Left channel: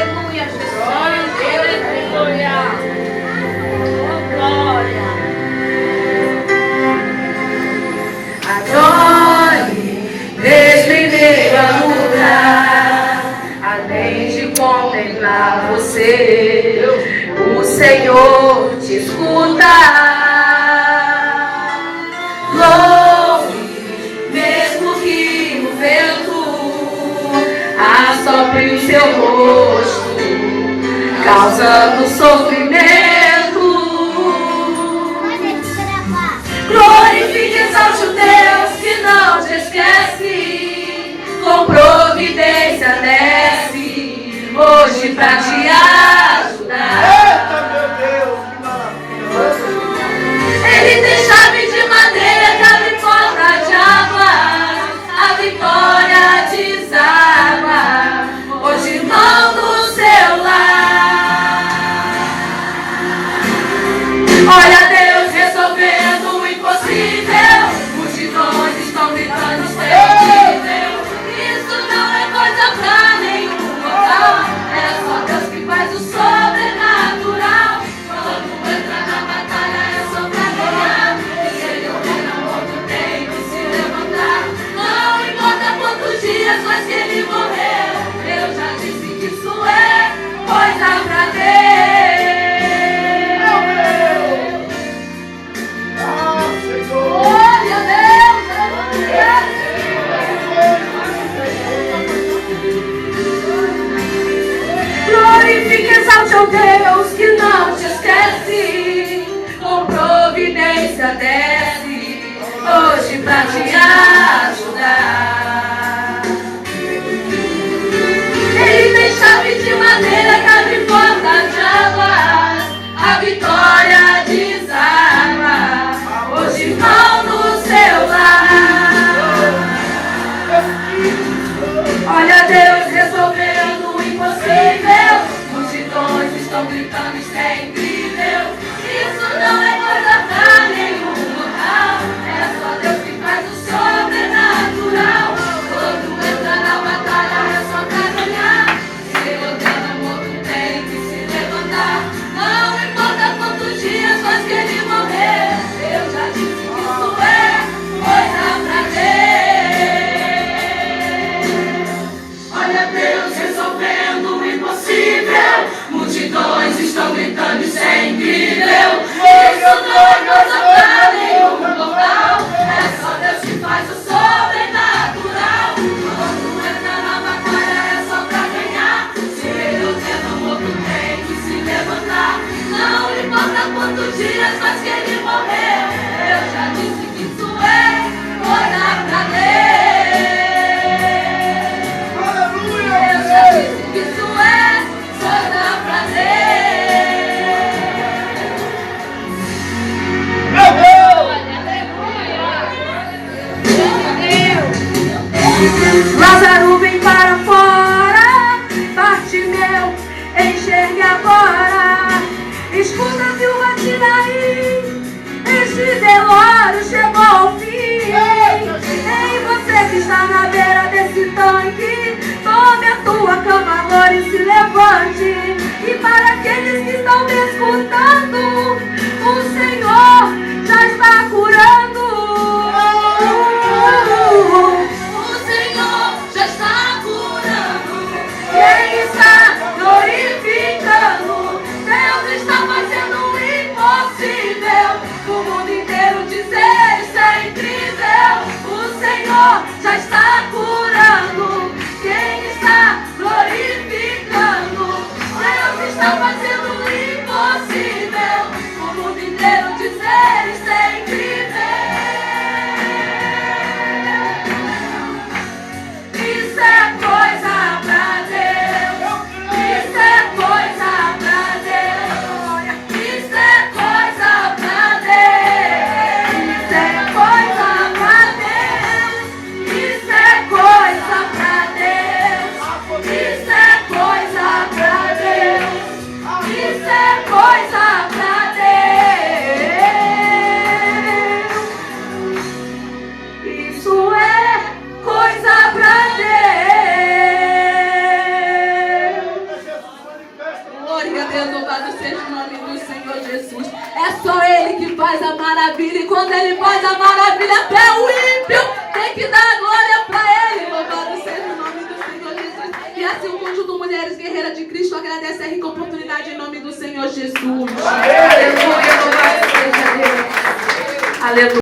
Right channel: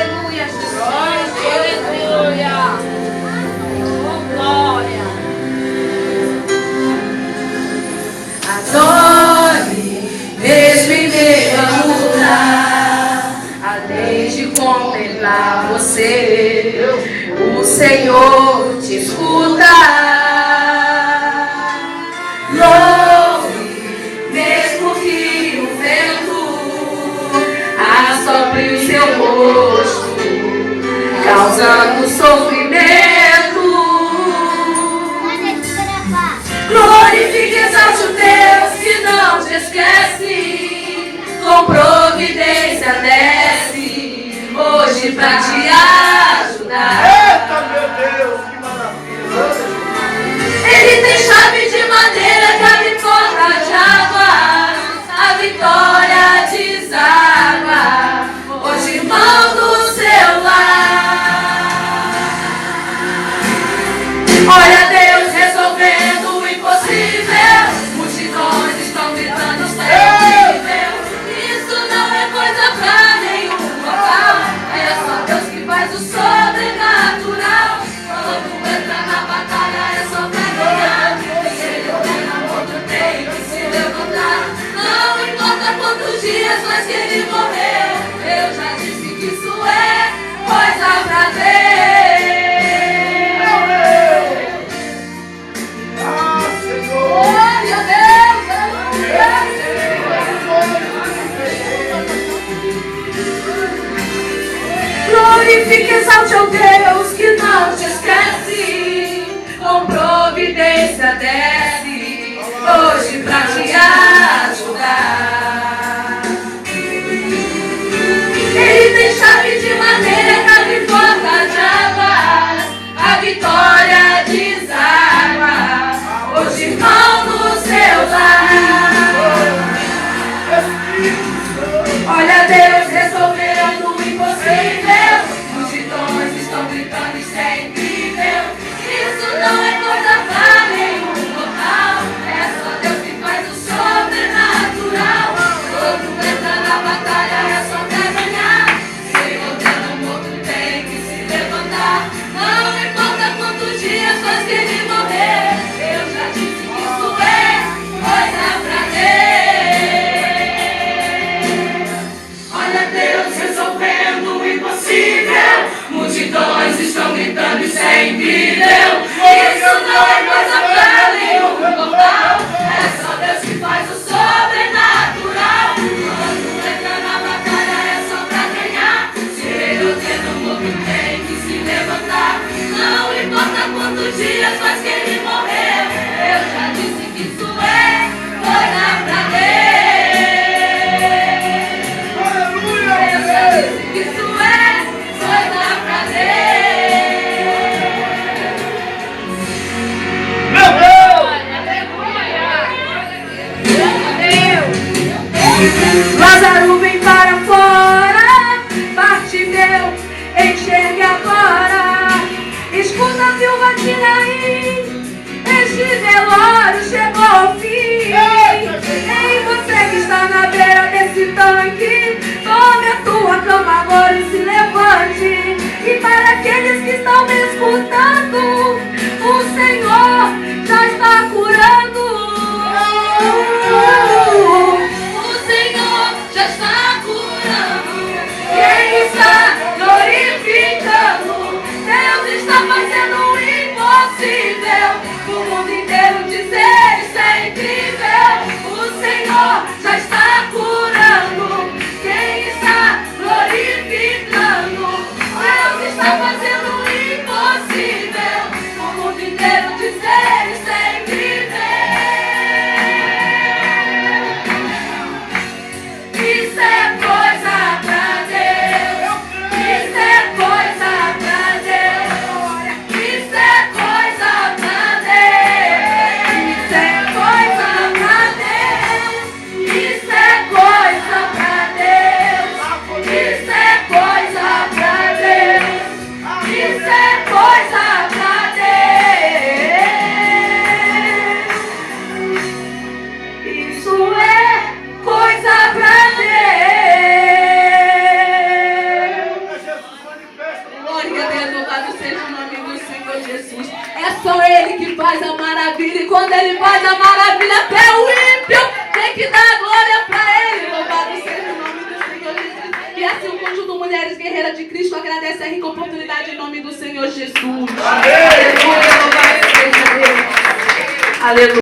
Aleluia, Jesus. Aleluia. Oh, glória. Adore, mesmo em meio a lutar, além de contemplar você, o Senhor te escuta. Louve, mesmo que o vento assopre o seu rosto, causando sofrimento. Glorifique, exalte o Deus que não te esquece, com providência desce hoje pra te ajudar. Eita, meu Deus, que maravilha! Ele tem chave de madeira que abre porta de água, a vitória deságua hoje, irmão, do seu lar. Olha Deus resolvendo o impossível, multidões estão gritando terrível. Isso não é coisa pra nenhum local, é só Deus que faz o sobrenatural. Quando entra na batalha é só pra ganhar, e se ele for na outro tem que se levantar. Não importa quantos dias, mas que ele morreu, eu já disse que isso é coisa pra Deus. Glorifique, exalte ao Deus que não te esquece, com providência desce hoje pra te ajudar. Ele tem chave de madeira que abre porta de água, a vitória deságua hoje, irmão, no seu lar. Olha Deus resolvendo o impossível, multidões estão gritando, isso é incrível. Isso não é coisa pra nenhum local, é só Deus que faz o sobrenatural. Quando entra na batalha é só pra ganhar, se você não morto tem que se levantar. Não importa quantos dias, mas que ele morreu, eu já disse que isso é coisa pra Deus. Olha Deus resolvendo o impossível, multidões estão gritando, isso é incrível. Isso não é coisa pra nenhum local, é só Deus que faz o sobrenatural. Quando entra na batalha é só pra ganhar, se ele ordena o morto tem que se levantar. Não importa quantos dias, mas que ele morreu, eu já disse que isso é coisa pra Deus. Isso é coisa pra Deus. Meu Deus! Aleluia. Ele que faz a maravilha. E quando Ele faz a maravilha, até o ímpio tem que dar glória para Ele. Louvado seja o nome do Senhor Jesus. E assim o conjunto de Mulheres Guerreiras de Cristo agradece a rica oportunidade em nome do Senhor Jesus. Aleluia, louvado seja Deus. Aleluia.